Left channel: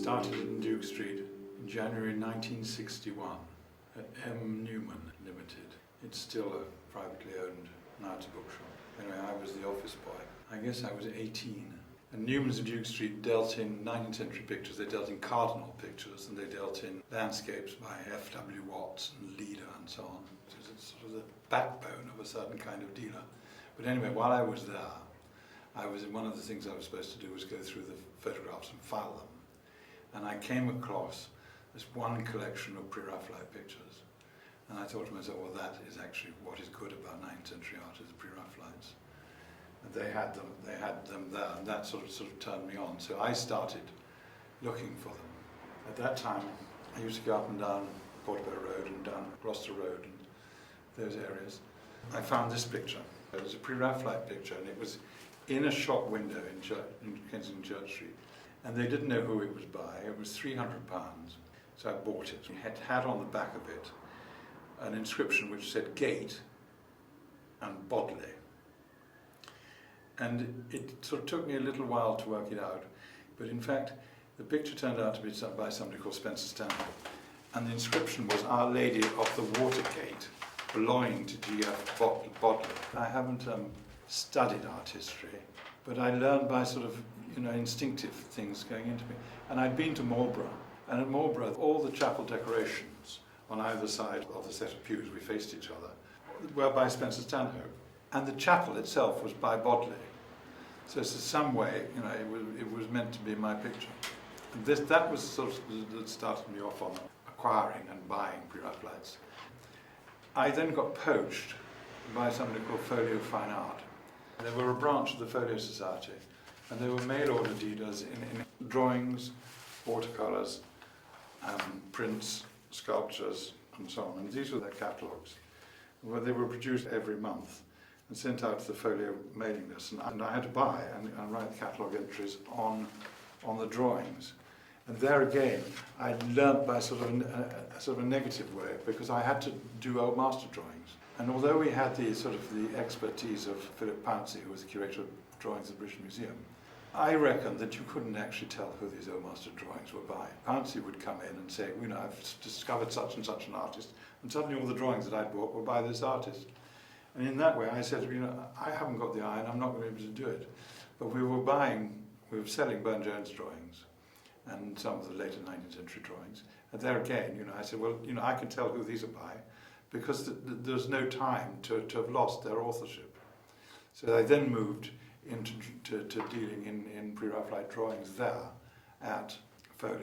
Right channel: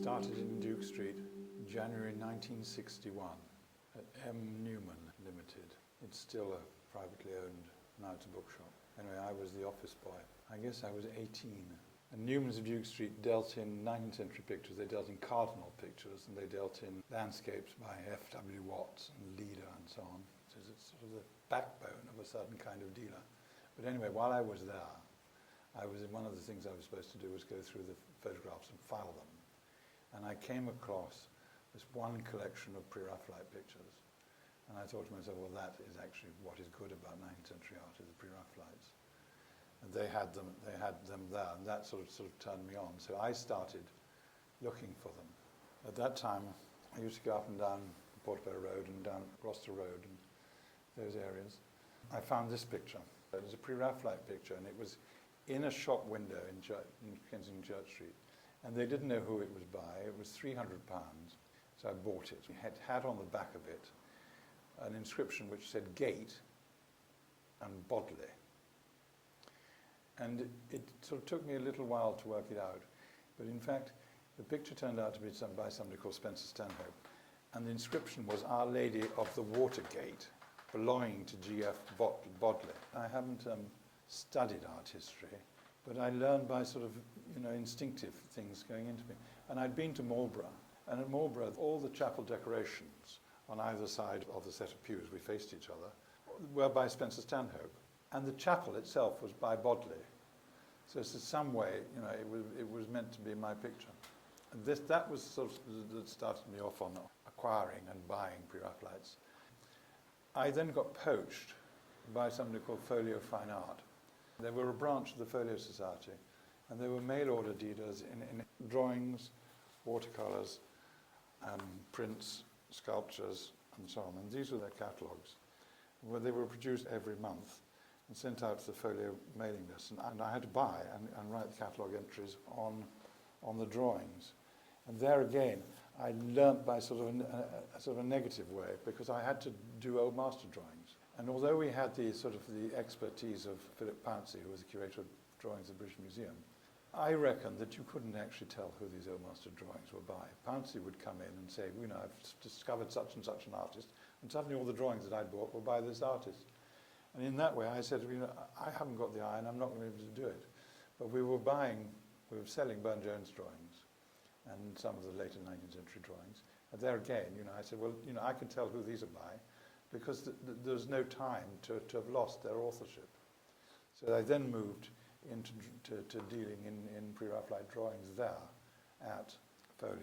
started in Duke Street in January 1961 at M. Newman Limited. It's still a privately owned, now it's a bookshop. Anyway, I was the office boy. I guess I was 18. And Newman's of Duke Street dealt in 19th century pictures, they dealt in cardinal pictures, and they dealt in landscapes by F.W. Watts and Leader and so on. So it's sort of the backbone of a certain kind of dealer. But anyway, while I was there, one of the things I was supposed to do was go through the photographs and file them. And I came across this one collection of pre-Raphaelite pictures. And I thought to myself, well, that is actually what is good about 19th century art, is the pre-Raphaelites. And they had them there, and that sort of turned me on. So I started looking for them. At that time, I used to go up and down Portobello Road and down Gloucester Road and those areas. I found this picture. It was a pre-Raphaelite picture, and it was in a shop window in Kensington Church Street. And they didn't know who it was by. It was £300. So I bought it. It had on the back of it an inscription which said Gate and Bodley. And it sort of took me a little while to work it out. But in fact, the picture turned out to be by somebody called Spencer Stanhope. And the inscription was Our Lady of the Watergate, belonging to G.F. Bodley. I haven't studied art history, but I learned by sort of, instinctive things going into me. And I'd been to Marlborough, and at Marlborough, all the chapel decorations on either side of the set of pews, we faced each other, were by Spencer Stanhope. And the chapel itself was by Bodley. So in some way, it was meant to be my picture. And that was sort of that started me off on acquiring and buying pre-Raphaelites. I then got poached by somebody called Folio Fine Art. They were a branch of the Folio Society, and they were mail-order dealers in drawings, watercolours, prints, sculptures, and so on. And these were their catalogues, where they were produced every month and sent out to the Folio mailing list. And I had to buy and write the catalogue entries on the drawings. And there again, I learnt by sort of a negative way, because I had to do old master drawings. And although we had the expertise of Philip Pouncey, who was the curator of drawings at the British Museum, I reckon that you couldn't actually tell who these old master drawings were by. Pouncey would come in and say, I've discovered such and such an artist, and suddenly all the drawings that I'd bought were by this artist. And in that way I said, I haven't got the eye and I'm not going to be able to do it. But we were selling Burne-Jones drawings and some of the later 19th century drawings. And there again, I said, well, I can tell who these are by, because there's no time to have lost their authorship. So I then moved into dealing in pre-Raphaelite drawings there at Folio.